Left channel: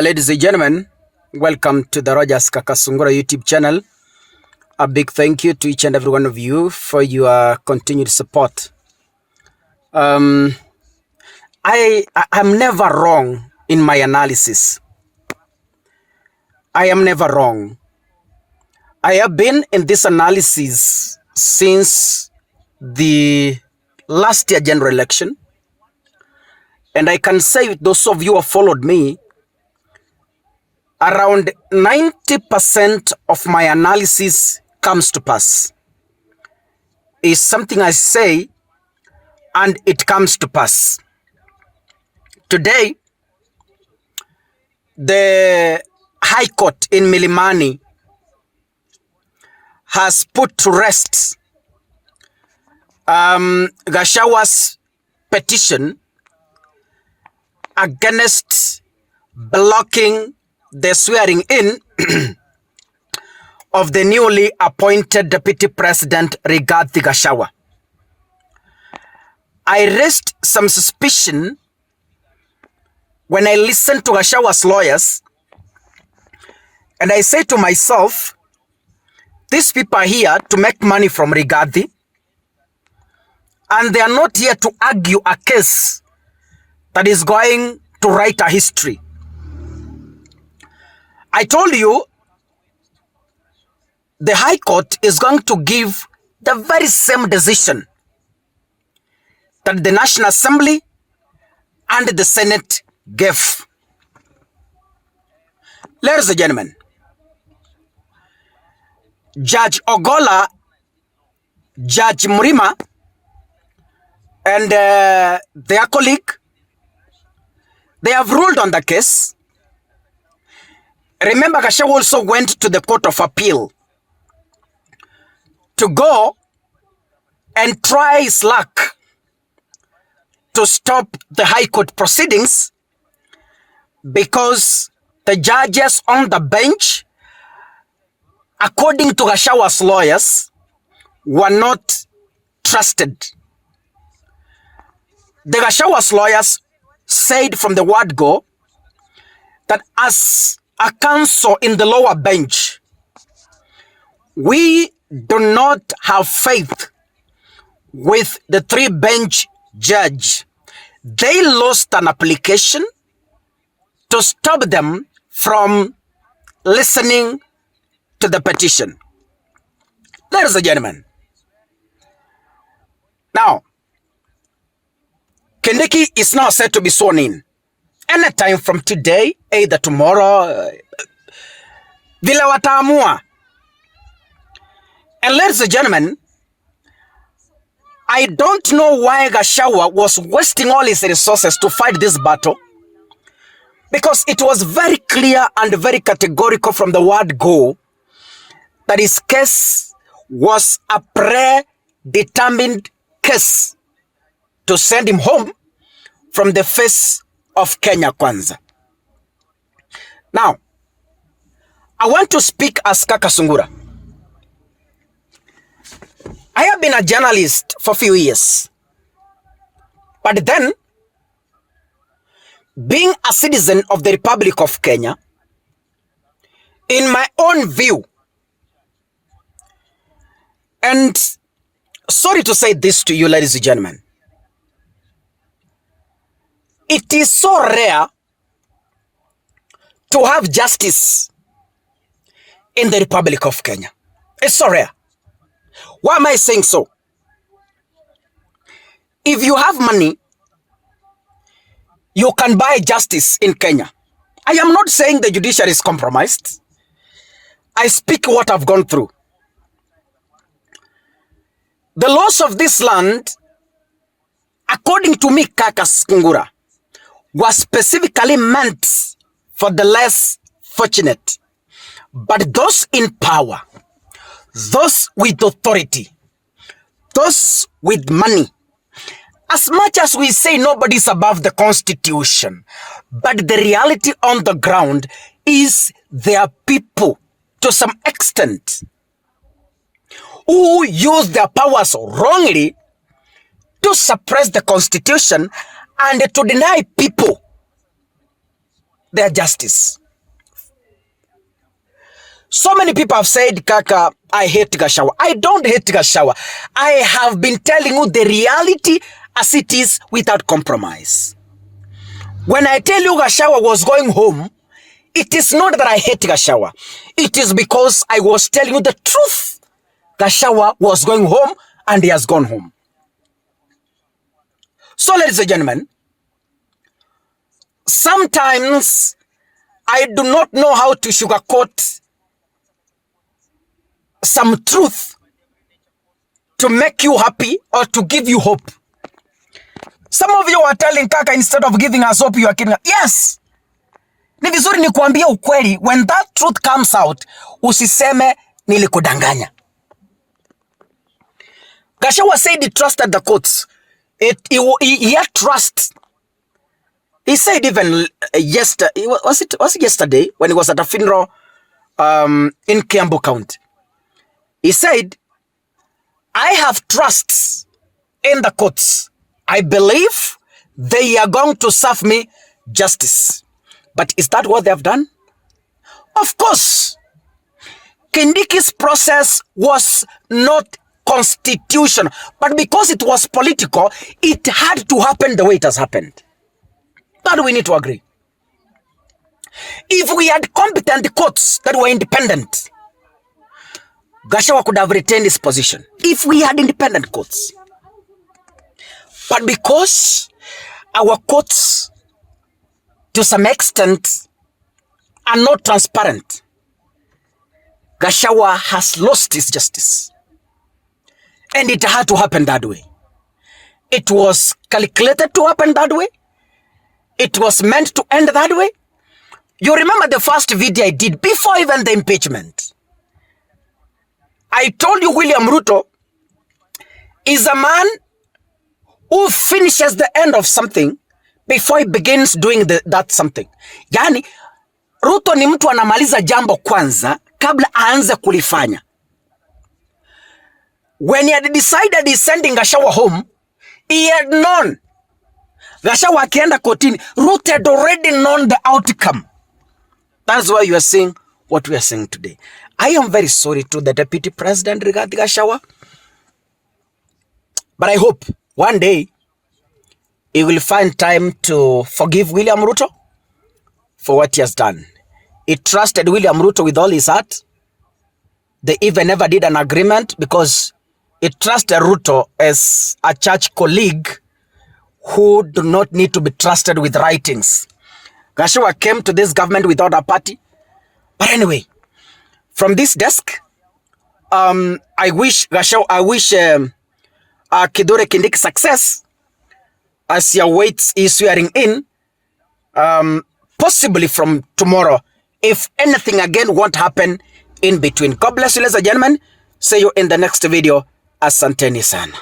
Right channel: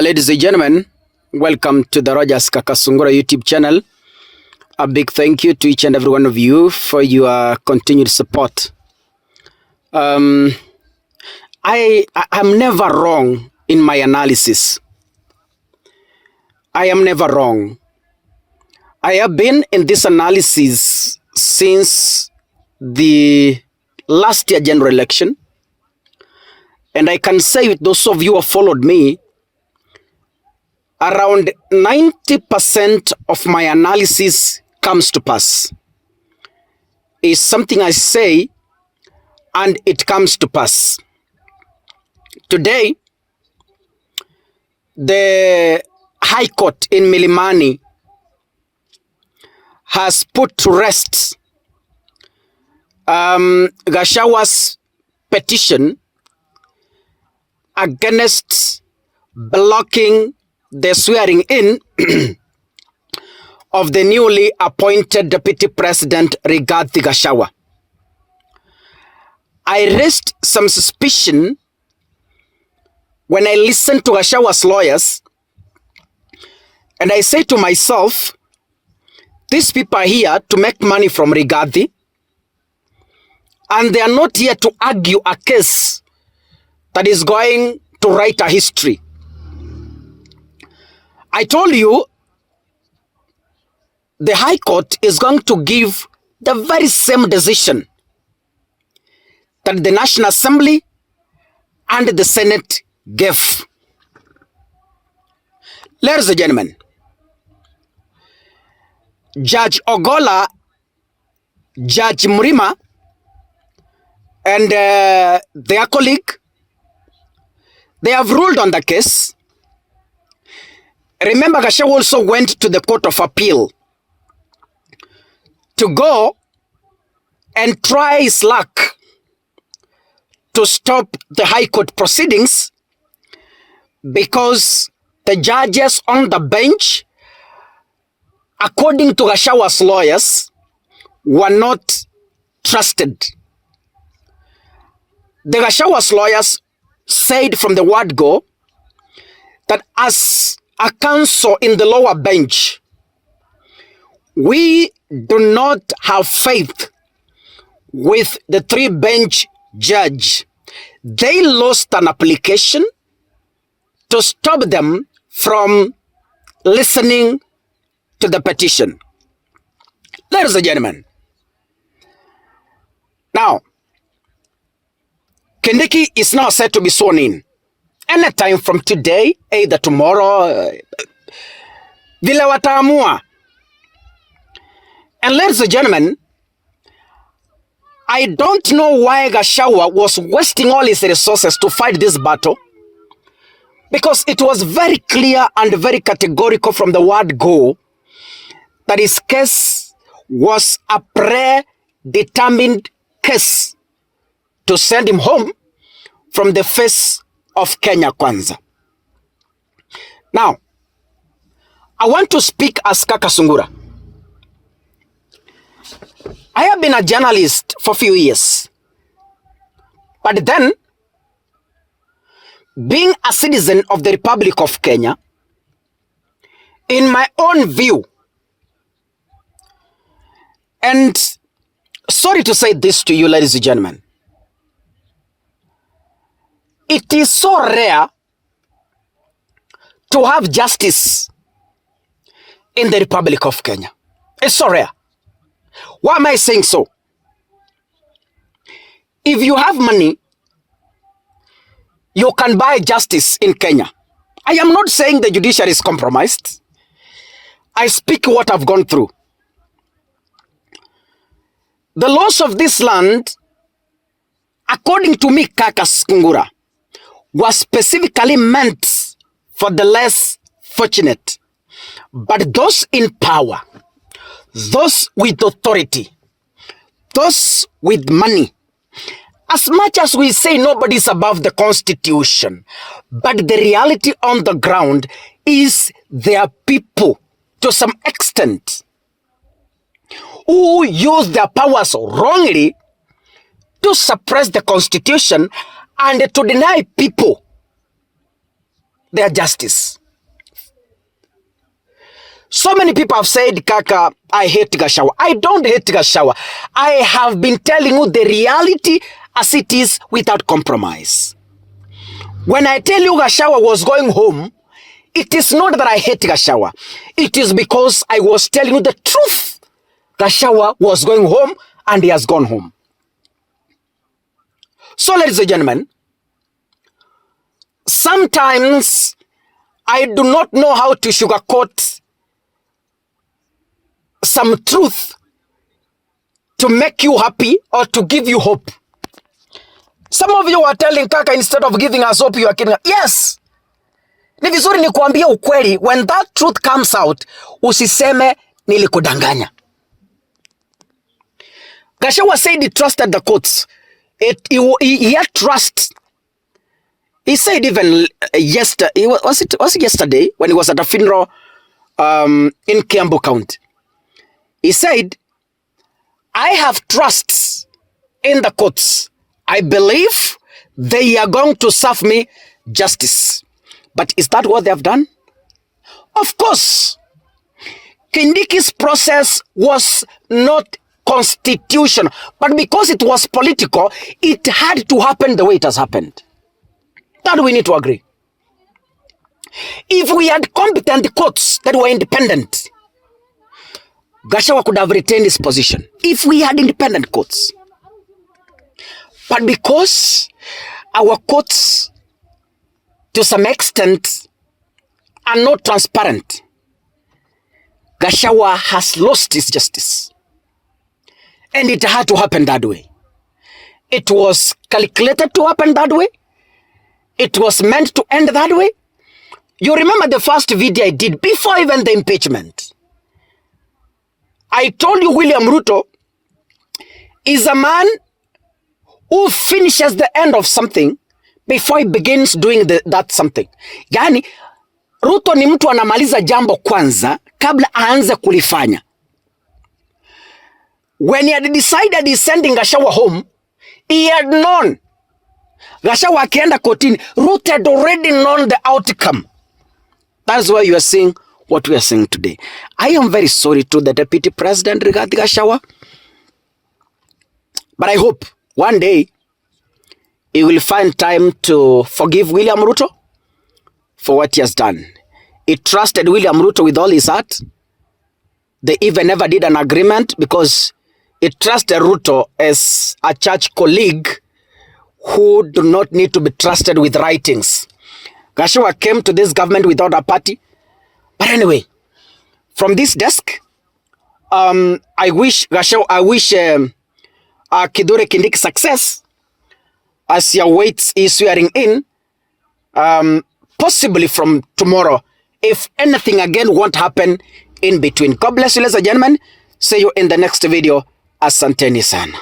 Ladies and gentlemen, welcome to the Rogers Kakasungura YouTube channel. A big thank you to each and every one of you for your continued support. I am never wrong in my analysis. I am never wrong. I have been in this analysis since the last year general election. And I can say with those of you who have followed me, around 90% of my analysis comes to pass. It's something I say and it comes to pass. Today, the High Court in Milimani has put to rest Gachagua's petition against blocking the swearing in of the newly appointed Deputy President Rigathi Gachagua. I raised some suspicion when I listened to Gachagua's lawyers, and I say to myself, these people are here to make money from Rigathi, and they are not here to argue a case that is going to write a history. I told you the High Court is going to give the very same decision that the National Assembly and the Senate gave. Ladies and gentlemen, Judge Ogola, Judge Murima, and their colleague, they have ruled on the case. Remember, Gachagua also went to the Court of Appeal to go and try his luck to stop the High Court proceedings because the judges on the bench, according to Gachagua's lawyers, were not trusted. The Gachagua's lawyers said from the word go that as a counsel in the lower bench, we do not have faith with the three-bench judge. They lost an application to stop them from listening to the petition. Ladies and gentlemen, now, Kindiki is now set to be sworn in. Anytime from today, either tomorrow, vile wataamua. And ladies and gentlemen, I don't know why Gachagua was wasting all his resources to fight this battle, because it was very clear and very categorical from the word go that his case was a predetermined case to send him home from the face of Kenya Kwanza. Now, I want to speak as Kakasungura. I have been a journalist for a few years, but then, being a citizen of the Republic of Kenya, in my own view, and sorry to say this to you, ladies and gentlemen, it is so rare to have justice in the Republic of Kenya. It's so rare. Why am I saying so? If you have money, you can buy justice in Kenya. I am not saying the judiciary is compromised. I speak what I've gone through. The laws of this land, according to me, Kakasungura, was specifically meant for the less fortunate. But those in power, those with authority, those with money, as much as we say nobody's above the Constitution, but the reality on the ground is there are people to some extent who use their powers wrongly to suppress the Constitution and to deny people their justice. So many people have said, Kaka, I hate Gachagua. I don't hate Gachagua. I have been telling you the reality as it is without compromise. When I tell you Gachagua was going home, it is not that I hate Gachagua. It is because I was telling you the truth. Gachagua was going home and he has gone home. So, ladies and gentlemen, sometimes I do not know how to sugarcoat some truth to make you happy or to give you hope. Some of you are telling Kaka, instead of giving us hope, you are kidding us. Yes. Ni vizuri ni kuambia ukweli. When that truth comes out, usiseme nilikudanganya. Gachagua said he trusted the courts. He had trust. He said even yesterday, was it yesterday when he was at a funeral in Kiambu County? He said, I have trust in the courts. I believe they are going to serve me justice. But is that what they have done? Of course. Kindiki's process was not constitutional, but because it was political, it had to happen the way it has happened. That we need to agree. If we had competent courts that were independent, Gachagua could have retained his position. If we had independent courts. But because our courts, to some extent, are not transparent, Gachagua has lost his justice. And it had to happen that way. It was calculated to happen that way. It was meant to end that way. You remember the first video I did before even the impeachment. I told you William Ruto is a man who finishes the end of something before he begins doing that something. Yani, Ruto ni mtu anamaliza jambo kwanza kabla aanze kulifanya. When he had decided he's sending Gachagua home, he had known. Gachagua akienda kotini, Ruto had already known the outcome. That's why you are seeing what we are saying today. I am very sorry to the Deputy President regarding Gachagua. But I hope one day he will find time to forgive William Ruto for what he has done. He trusted William Ruto with all his heart. They even never did an agreement because he trusted Ruto as a church colleague who do not need to be trusted with writings. Gachagua came to this government without a party. But anyway, from this desk, I wish Kithure Kindiki success as he awaits his swearing in, possibly from tomorrow, if anything again won't happen in between. God bless you, ladies and gentlemen. See you in the next video. Asanteni sana.